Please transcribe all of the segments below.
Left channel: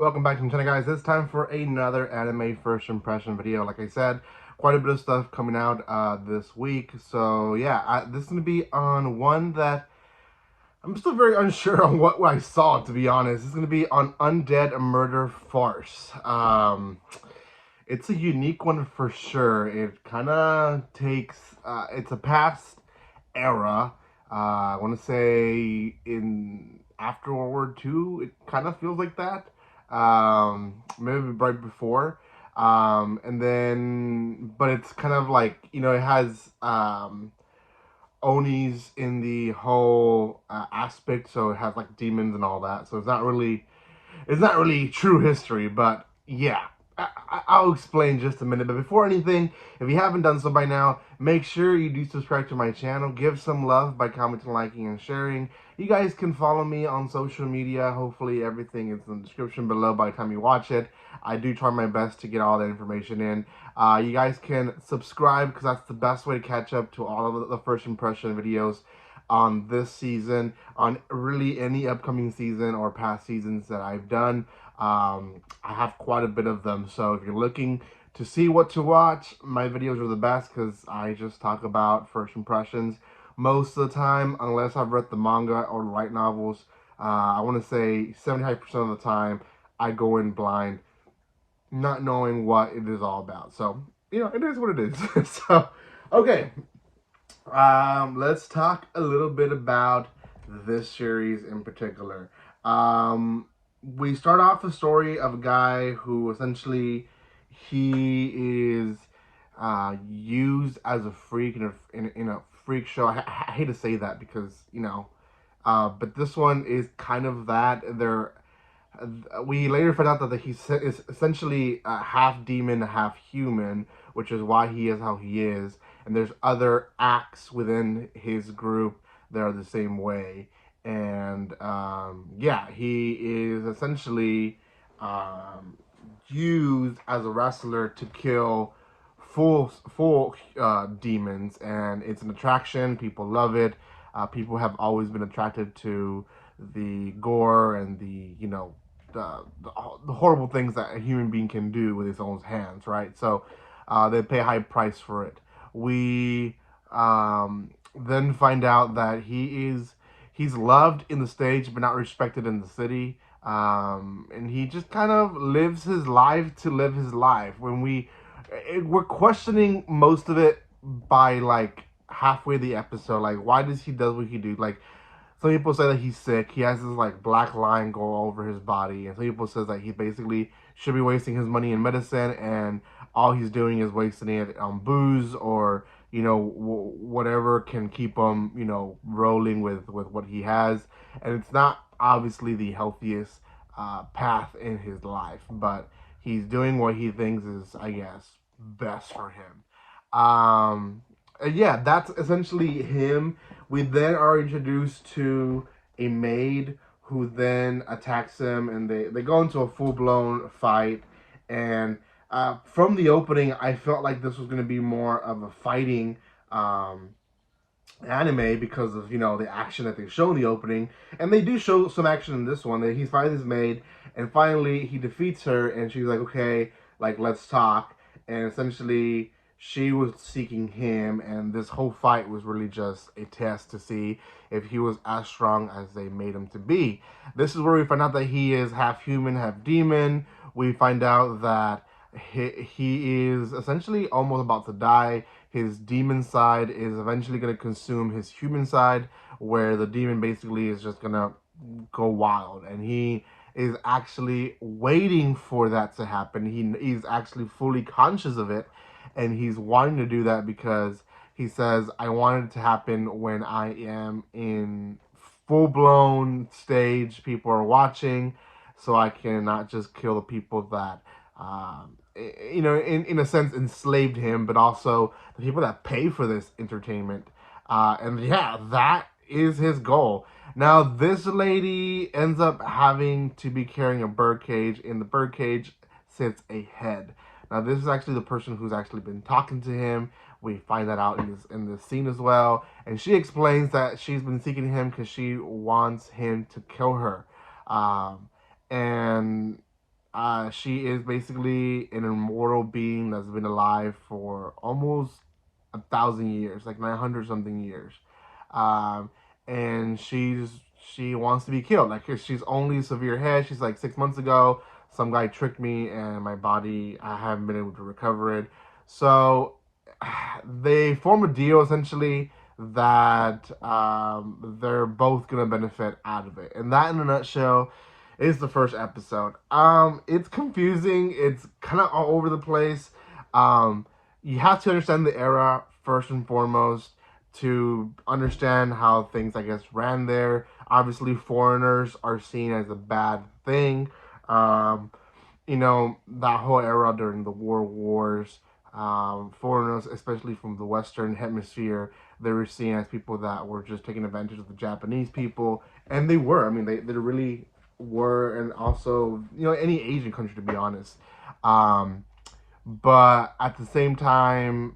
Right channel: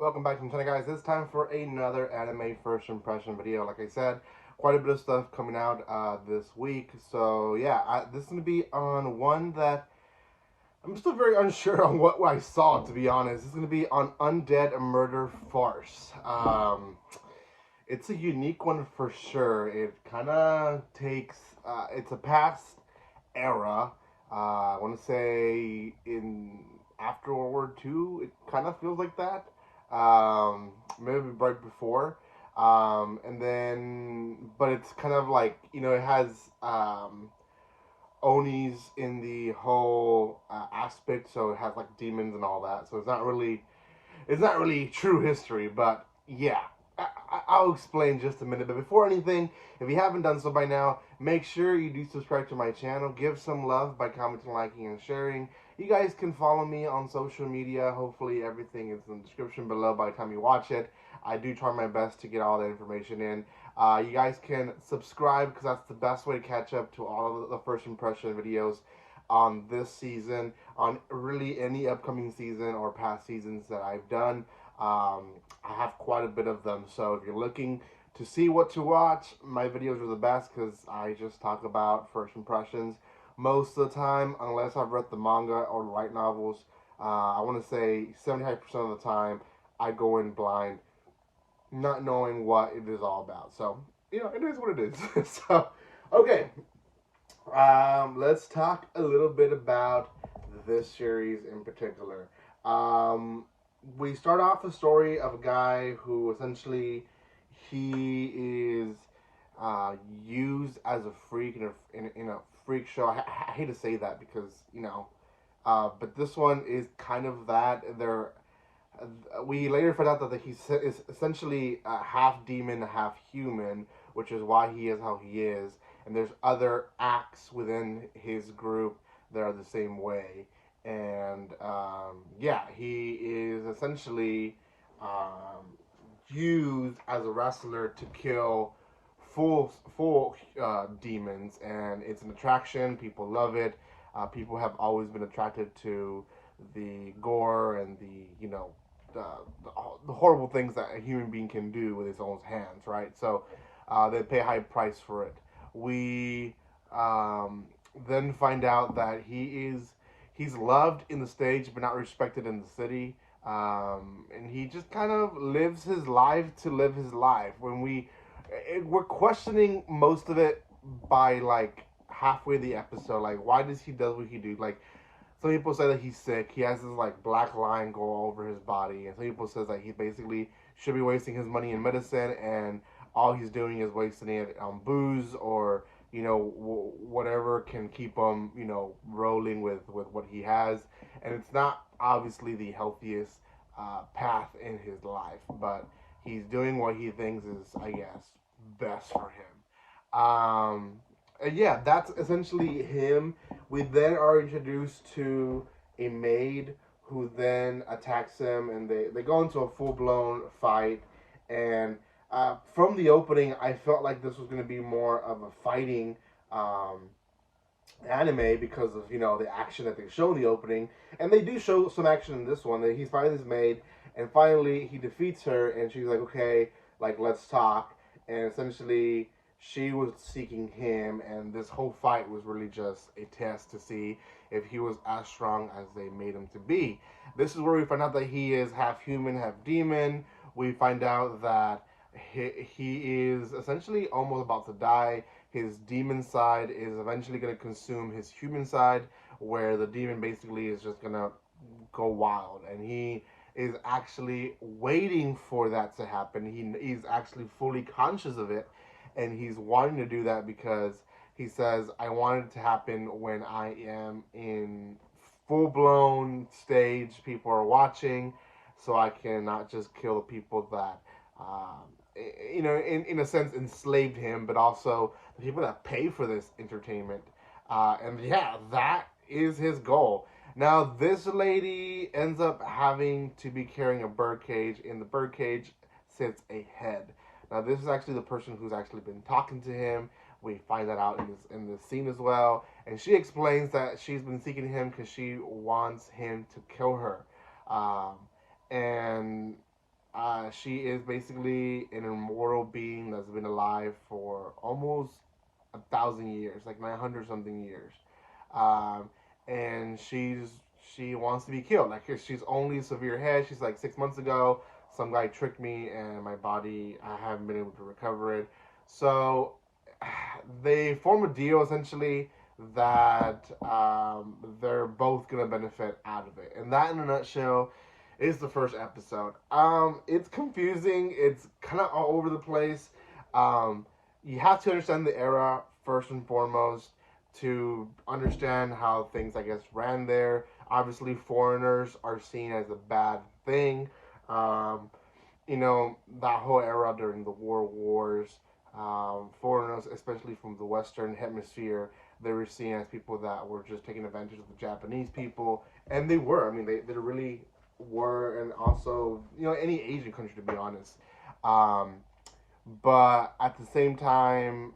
Welcome back to my channel, guys. It's time for another anime first impression video. Like I said, quite a bit of stuff coming out this week. So yeah, this is going to be on one that I'm still very unsure on what I saw, to be honest. It's going to be on Undead Murder Farce. It's a unique one for sure. It kind of takes, it's a past era. I want to say in after World War II, it kind of feels like that. Maybe right before. And then, but it's kind of like, it has Onis in the whole aspect, so it has like demons and all that. So it's not really true history, but yeah. I'll explain just a minute, but before anything, if you haven't done so by now, make sure you do subscribe to my channel. Give some love by commenting, liking, and sharing. You guys can follow me on social media. Hopefully everything is in the description below by the time you watch it. I do try my best to get all that information in. You guys can subscribe because that's the best way to catch up to all of the first impression videos on this season, on really any upcoming season or past seasons that I've done. I have quite a bit of them, so if you're looking to see what to watch, my videos are the best because I just talk about first impressions most of the time, unless I've read the manga or the light novels. I want to say 75% of the time I go in blind, not knowing what it is all about. So, it is what it is. So, okay. Let's talk a little bit about this series in particular. We start off the story of a guy who essentially he is used as a freak in a freak show. I hate to say that because but this one is kind of that. We later find out that he is essentially half demon, half human, which is why he is how he is. And there's other acts within his group that are the same way. And yeah, he is essentially used as a wrestler to kill full demons, and it's an attraction. People love it. People have always been attracted to the gore and the horrible things that a human being can do with his own hands, right? So they pay a high price for it. We then find out that he's loved in the stage but not respected in the city. And he just kind of lives his life to live his life. We're questioning most of it by like halfway the episode, like why does he do what he do? Like some people say that he's sick. He has this like black line go over his body, and some people says that he basically should be wasting his money in medicine, and all he's doing is wasting it on booze or whatever can keep him rolling with what he has, and it's not obviously the healthiest path in his life, but he's doing what he thinks is, I guess, best for him. And yeah, that's essentially him. We then are introduced to a maid who then attacks him, and they go into a full blown fight. And from the opening, I felt like this was going to be more of a fighting anime because of the action that they show in the opening, and they do show some action in this one. That he's fighting his maid, and finally he defeats her, and she's like, okay, like let's talk, and essentially she was seeking him, and this whole fight was really just a test to see if he was as strong as they made him to be. This is where we find out that he is half human, half demon. We find out that he is essentially almost about to die. His demon side is eventually going to consume his human side, where the demon basically is just going to go wild, and he is actually waiting for that to happen. He's actually fully conscious of it, and he's wanting to do that because he says, I want it to happen when I am in full-blown stage, people are watching, so I cannot just kill the people that in a sense enslaved him, but also the people that pay for this entertainment. And yeah, that is his goal. Now, this lady ends up having to be carrying a birdcage. In the birdcage sits a head. Now, this is actually the person who's actually been talking to him. We find that out in this scene as well. And she explains that she's been seeking him because she wants him to kill her. And She is basically an immortal being that's been alive for almost 1,000 years, like 900 something years. Um, and she wants to be killed. Like she's only severe head. She's like 6 months ago, some guy tricked me, and my body, I haven't been able to recover it. So they form a deal essentially that they're both gonna benefit out of it, and that in a nutshell is the first episode. It's confusing. It's kind of all over the place. Um, you have to understand the era first and foremost to understand how things, I guess, ran there. Obviously, foreigners are seen as a bad thing. Um, that whole era during the World Wars, foreigners, especially from the Western Hemisphere, they were seen as people that were just taking advantage of the Japanese people, and they were. I mean, they really were, and also any Asian country, to be honest. Um, but at the same time,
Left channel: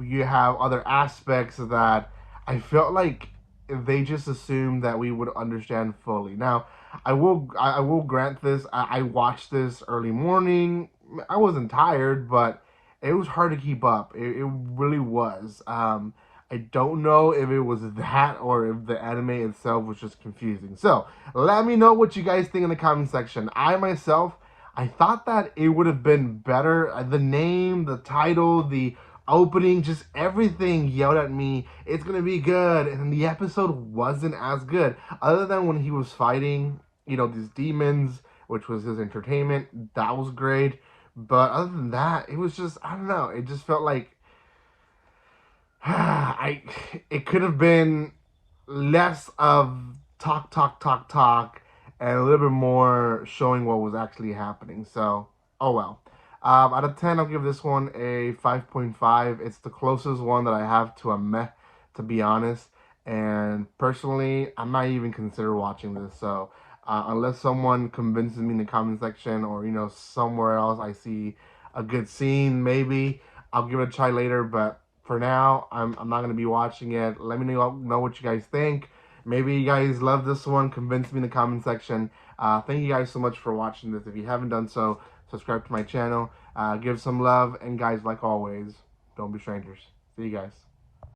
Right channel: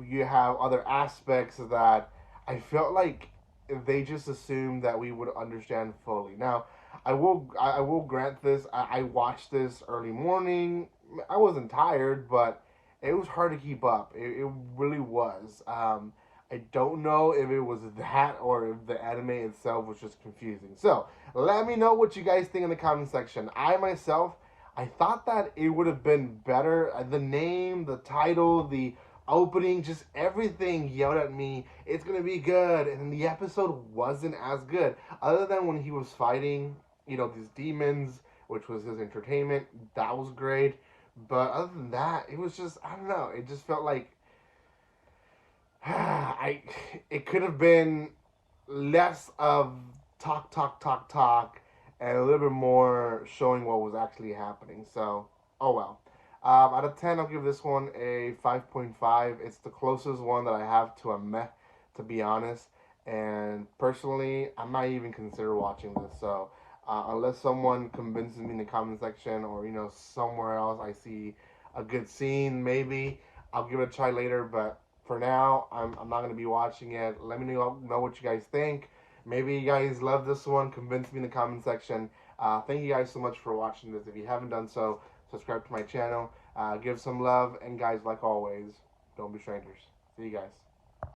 you have other aspects that I felt like they just assumed that we would understand fully. Now, I will grant this. I watched this early morning. I wasn't tired, but it was hard to keep up. It really was. I don't know if it was that or if the anime itself was just confusing. So let me know what you guys think in the comment section. I thought that it would have been better. The name, the title, the opening, just everything yelled at me, it's gonna be good. And the episode wasn't as good. Other than when he was fighting, these demons, which was his entertainment, that was great. But other than that, it was just, I don't know, it just felt like it could have been less of talk, talk, talk, talk, and a little bit more showing what was actually happening. So, oh well. Out of 10, I'll give this one a 5.5. It's the closest one that I have to a meh, to be honest. And personally, I'm not even consider watching this. So, unless someone convinces me in the comment section, or somewhere else I see a good scene, maybe I'll give it a try later. But for now, I'm not gonna be watching it. Let me know what you guys think. Maybe you guys love this one. Convince me in the comment section. Thank you guys so much for watching this. If you haven't done so, subscribe to my channel. Give some love. And guys, like always, don't be strangers. See you guys.